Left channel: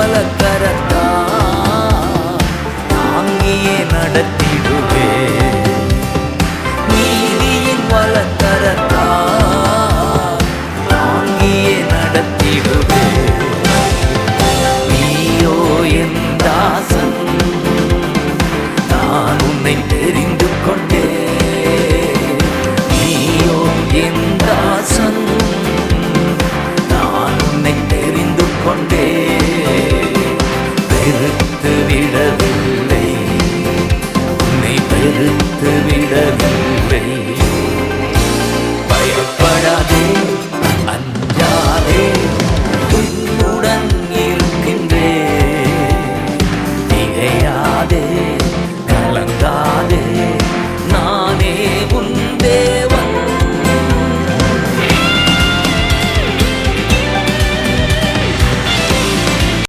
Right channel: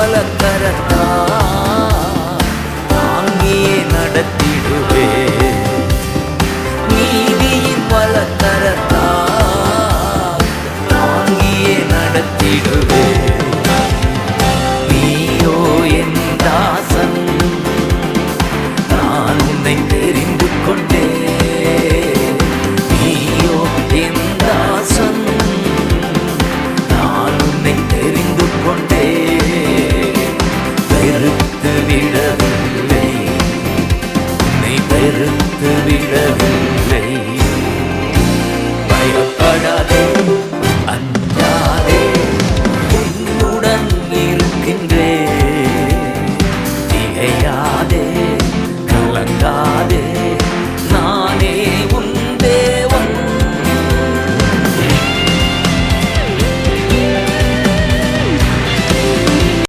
வலக்கரத்தால் தாங்கியே நடத்திடுவே. நீதியின் வலக்கரத்தால் தாங்கியே நடத்திடுவே. நீயோ என் தாசன், நான் உன்னை தெரிந்து கொண்டே. நீயோ என் தாசன், நான் உன்னை தெரிந்து கொண்டே. வெறுத்து விடவில்லை, உன்னை வெறுத்து விடவில்லை. பயப்படாதே, அஞ்சாதே, உன்னுடன் இருக்கின்றே. திகையாதே, கலங்காதே, நானே